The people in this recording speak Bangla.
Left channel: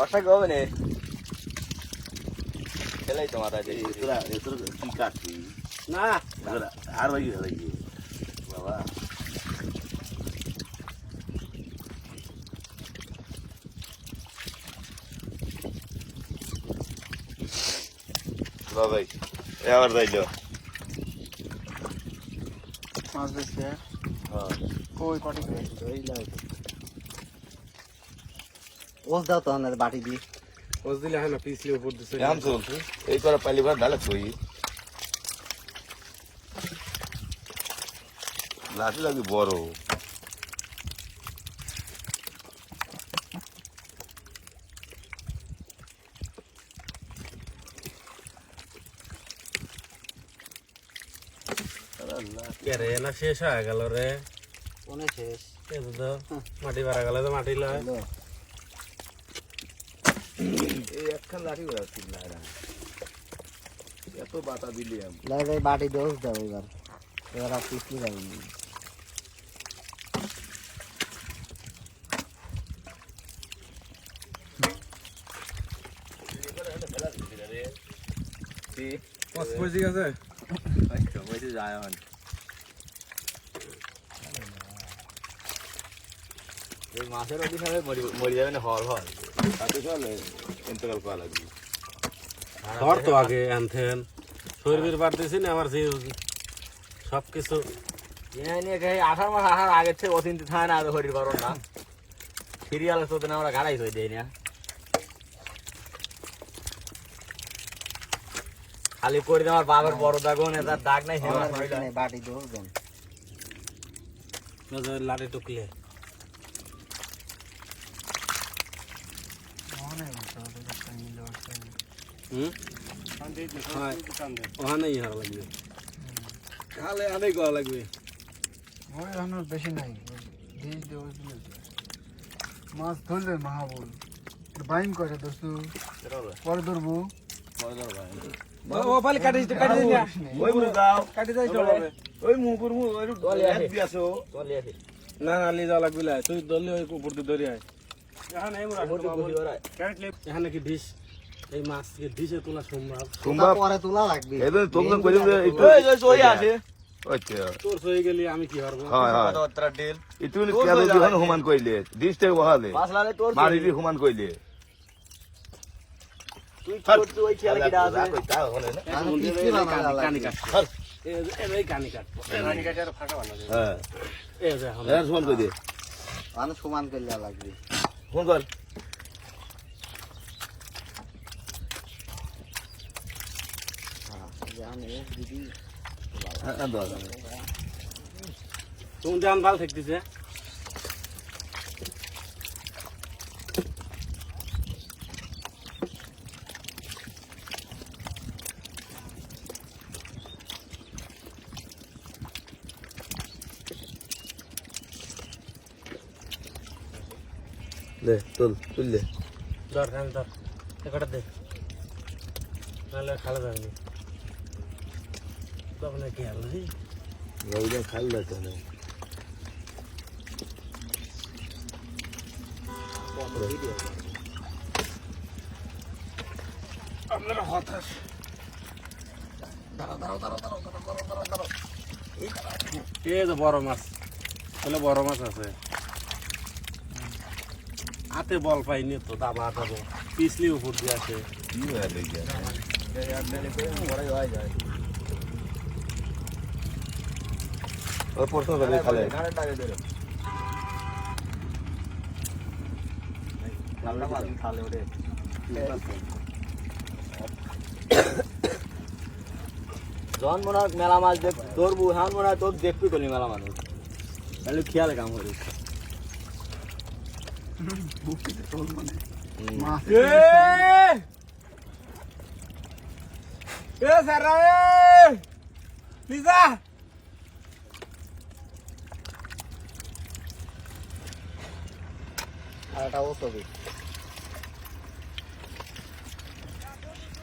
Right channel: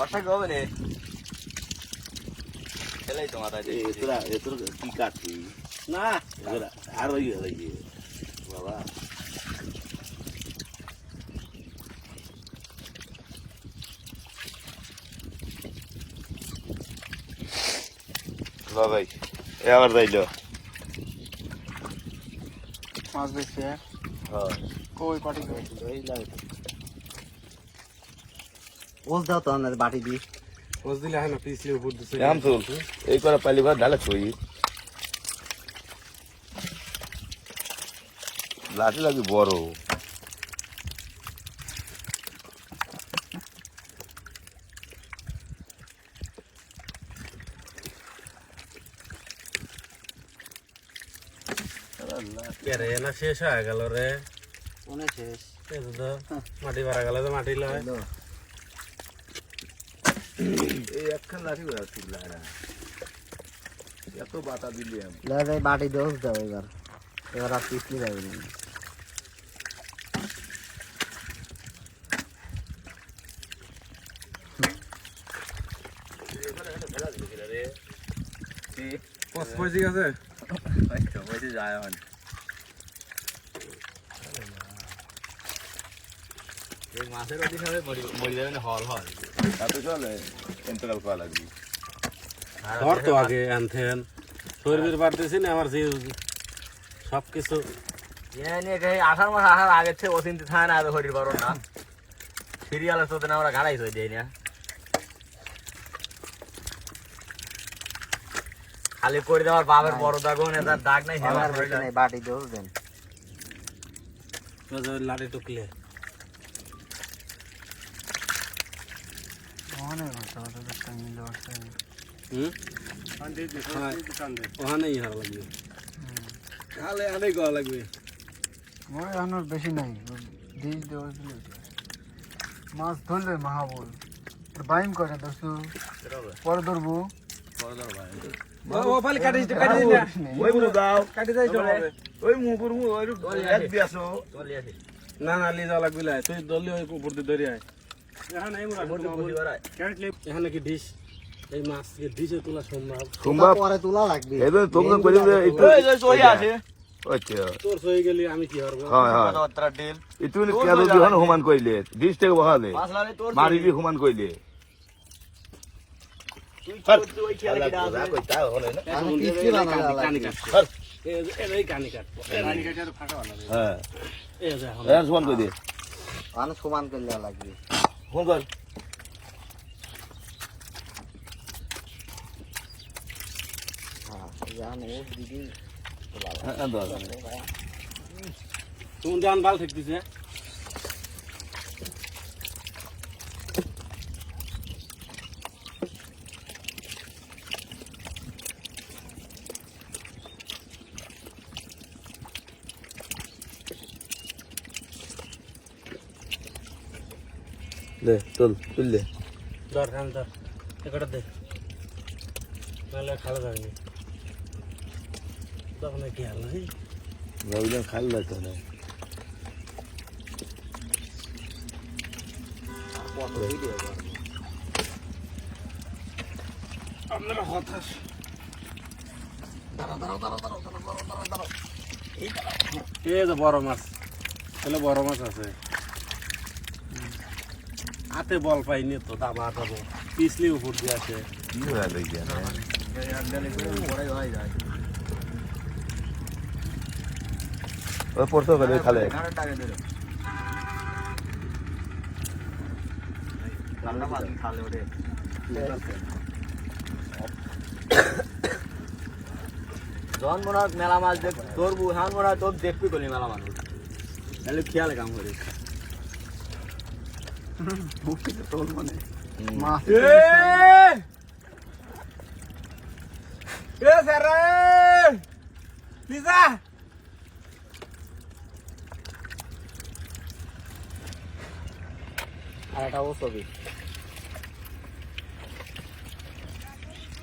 ফসা হবে নে। খেলাই তো মাথা দিয়ে তোরা তোর কি কাটছি না। তোরা আর ভাই ভাই বাবা। এবার যাইলো। মাছ বেশি কই পাটি কই? ওস দাও তো আমাদের বাটি দি ওস দিলে হয় না পিছলে উপর দিছে। নাম শুন এই করে পালি ঘর ঢালে লাঠি লাগি বড়। কে রে না শেষ হয়ে গেল রে। কোনে শেষ। মাটি বাড়া গেল তো মাটি লয়। এই একখান লাঠি করে আসছিল এত বাতা দিলি আমি দাদা এই বাটি দোষ দাও এবার এবার আর পিছলে যাবে না পস পড়ে গেছে বসে যায় আমার এই মাছের অধিকারে মরে যাবে না হর হয় তো আগে শরীরের বাড়তেছি না আমার সেই সব কিছু আষাঢ় মাস আসার আগের থেকে অচিন্তি থাকে না এত হরির করো না। সিরিয়াল তো আমরা গাড়াই হয়ে দেয় না। খালি করে দেওয়ার বাবার বড় দাগ না তার দাগ নাই হেমা এই বাটি দোষ দেন লাড়ি টুকলে। ওখানেই হারা লাগবে খালে আনে করা লাগবে ওই আর বেশি নাই দিলে তো। মাছ ধরবে মাহাবুল বাইম করে দোস্তু পরে ধরবো ও কাটি না যাই চলে ওই মুগুর মু ওই এক দিয়াছো চলে আসে না না যাওয়া লাগবে লাই। তুই দলি ওই উপর দিয়ে ধরে আয় এখন এই মুড়া এখানে কি ডিশ এই মাছ কি তোলা সম্ভব। সম্ভব পরে তোলা লাগবে। এদের তোমরা করে একটু চলে আসে আচ্ছা। তোর সয়ে গেলি আমি কি হারবো? হয় হয়। কথাবার্তা ডেল। ইতুন কেন যখন হুমান কইলে দিস বহালে। মাছ তোর মারিলি হুমান কইলে। তুই তুই ওই খেয়াল কি আছে? আমি পিছলে বানানো কানি লাগবে? কাট এই কানি কাট কানি কাটার ফাটা লাগবে হ্যাঁ। এই যে হ্যাঁ সমান কই দে মানুষ সমান করলে লাগবে। ফোন কর। জান ও দিদি হ্যাঁ তুমি জান ভালো থাকতেছে দে, তুল তুল দে। ধর কান ধর একটা দে। নাহলে খালা যাবে এই যে বড় মাছ বড় মাছ আছে হাতে বল পাইনি তো দাবা হাতাবো পিছলি উপর দিয়ে আছে কি হয় দেখি ওই পড়তো করে খালে। জন মনে হয় মেলা মাছ দেখ ধরবো হ্যাঁ মনে হয় তোর দেখবি করলি মেলা মানুষ তাহলে খেয়াল কাম করিস। তোল মানে? মাছ আর এটা কাটাও ছবি।